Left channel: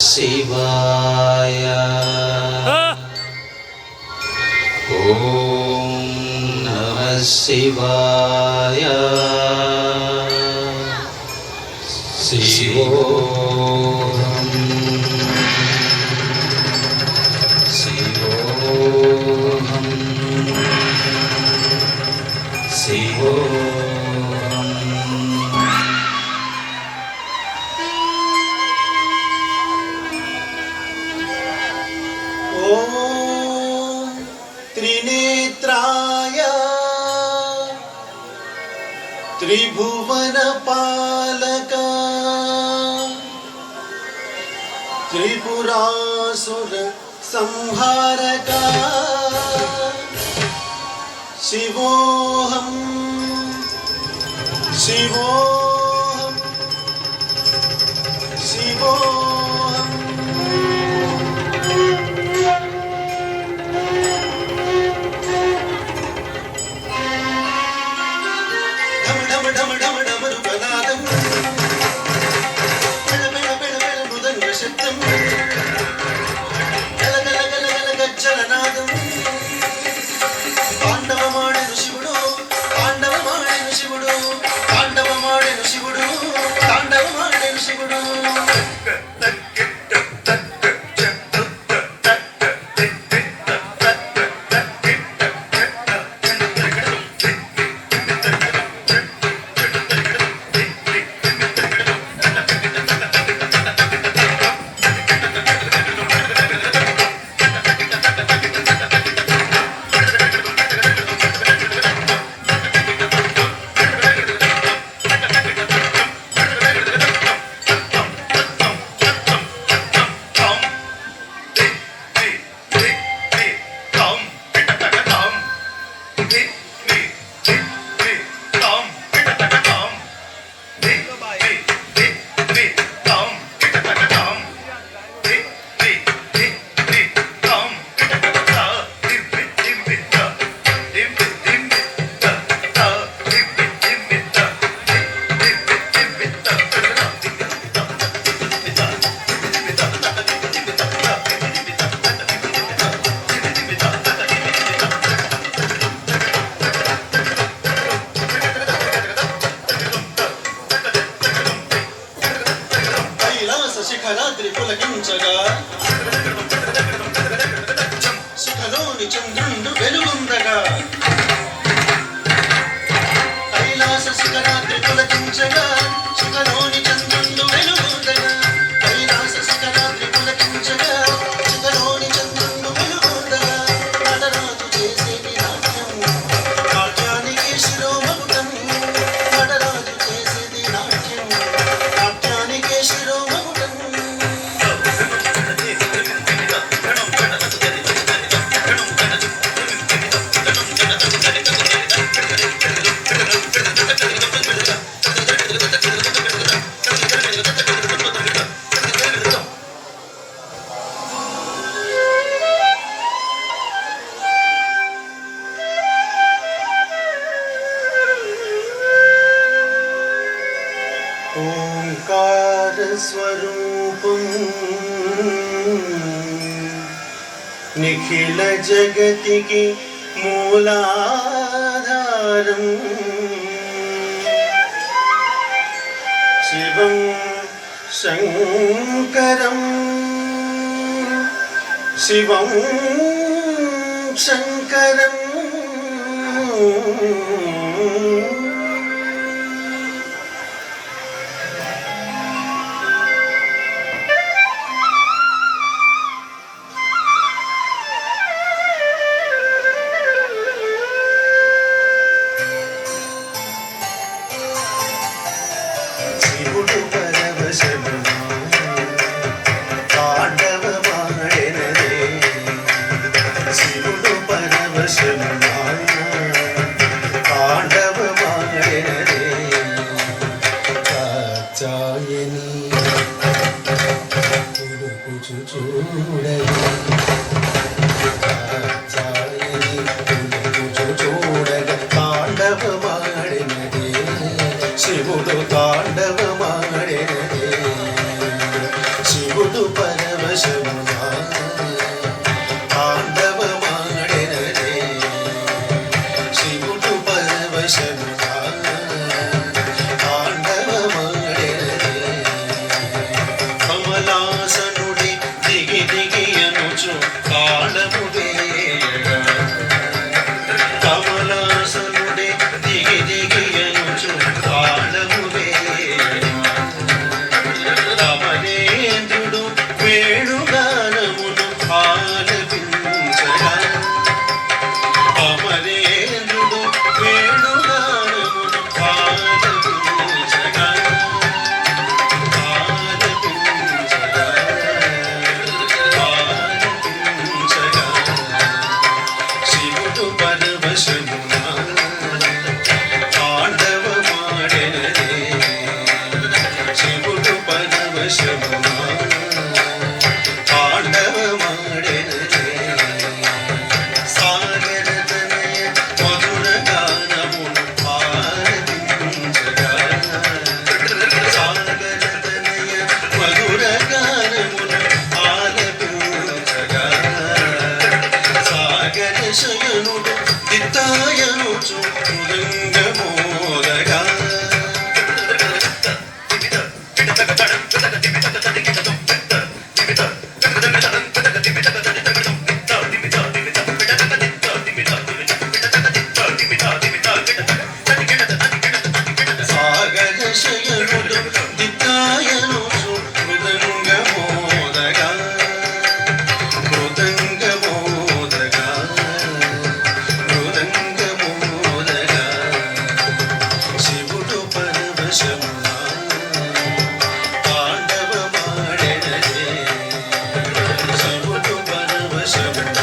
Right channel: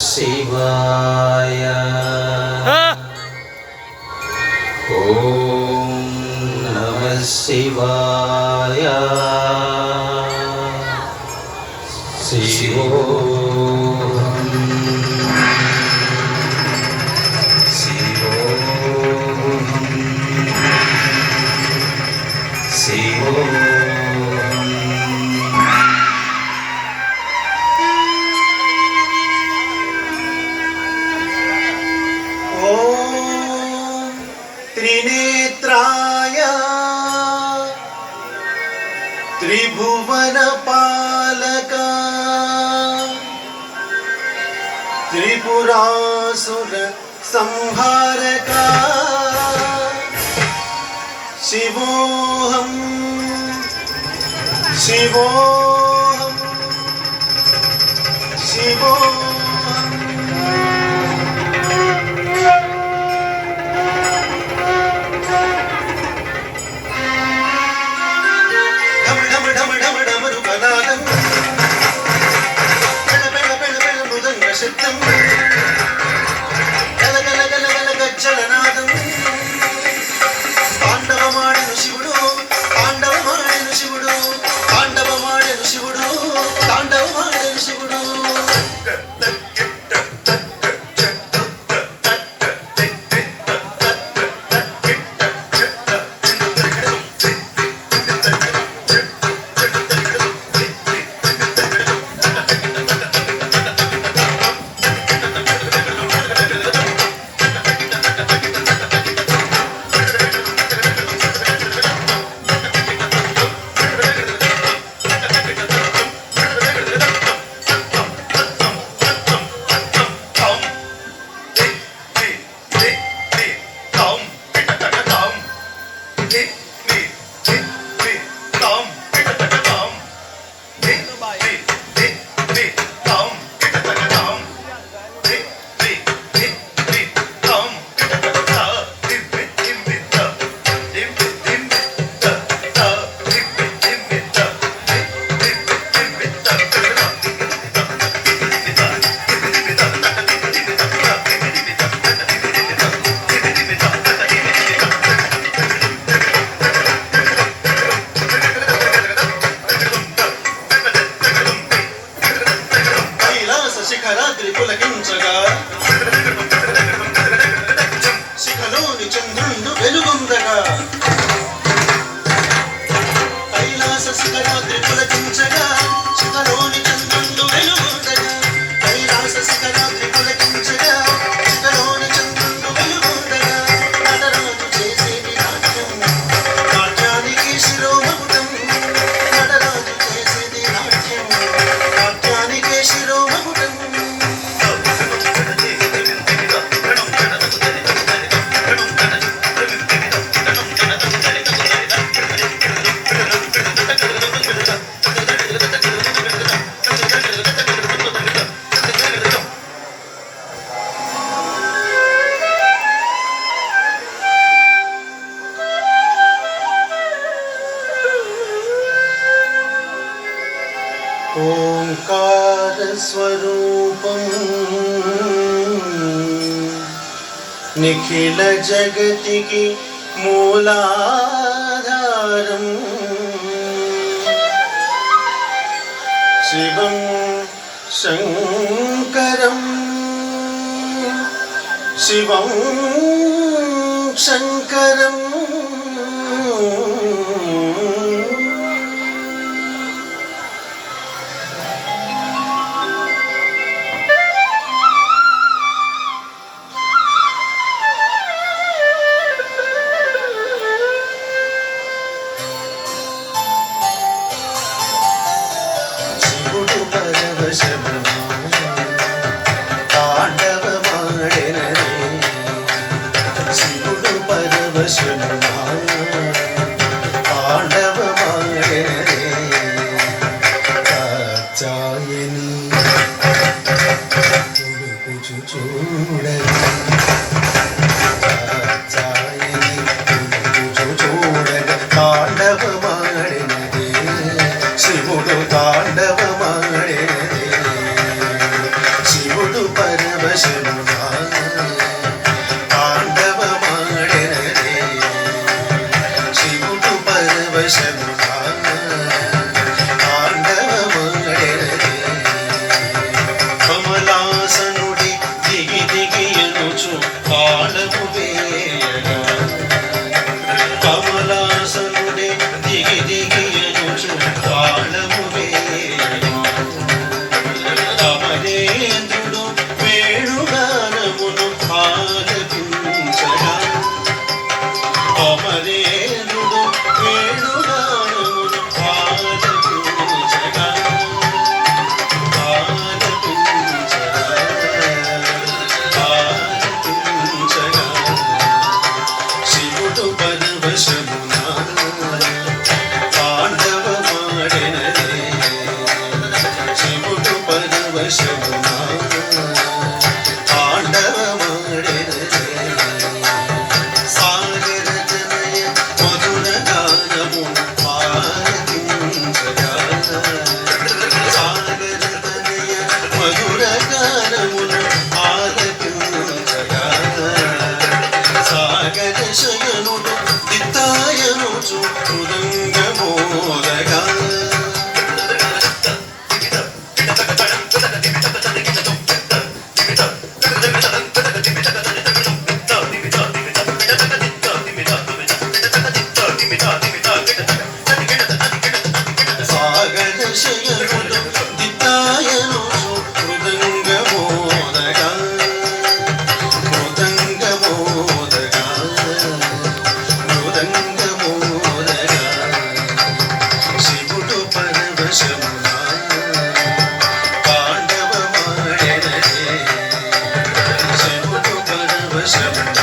शिवाय ओम नमः शिवाय शिवोऽहं शिवोऽहं शिवोऽहं त्रिनेत्राय त्रिभुवनपालक त्रिपुरासुर संहारक शिवोऽहं शिवोऽहं शिवोऽहं పాండవమాడెను శివుడు పాండవమాడెను శివుడు పాండవమాడెను శివుడు పాండవమాడెను శివుడు శిఖరాద్రి పులకించగా శిఖలోని చంద్రుండు వెలుగొందగా కైలాస శిఖరాద్రి పులకించగా శిఖలోని చంద్రుండు వెలుగొందగా కైలాస శిఖరాద్రి పులకించగా శిఖలోని చంద్రుండు వెలుగొందగా నడరాజు చేసేది నాట్యం నాట్యానికి శిరోమకుటం నడరాజు చేసేది నాట్యం నాట్యానికి శిరోమకుటం ఓంకార స్వరూపం నిఖిల జగతికి మూలాధారం శివం శంకరం శివం శంకరం శివుడు తాండవమాడినదే శివుడు పరవశమునా తాండవమాడెనరే శివుడు పరవశమునా తాండవమాడెనరే కమలాసనుడి దిగి దిగి అనుచు తాళము వేయగా కమలాసనుడి దిగి దిగి అనుచు తాళము వేయగా కమలేంద్రుడు వేణుగానమును ఆలపించగా కమలేంద్రుడు వేణుగానమును ఆలపించగా శివుడు పరవశమునా తాండవమాడెనరే శివుడు పరవశమునా తాండవమాడెనరే సాగరతనయ మధుర గానమును ఆలపించగా సాగరతనయ మధుర గానమును ఆలపించగా సాగర శయనుడు దిత్తాయనుచు మృదంగమోదగా సాగర శయనుడు దిత్తాయనుచు మృదంగమోదగా మృదంగమోదగా మృదంగమోదగా శివుడు పరవశమునా తాండవమాడెనరే శివుడు పరవశమునా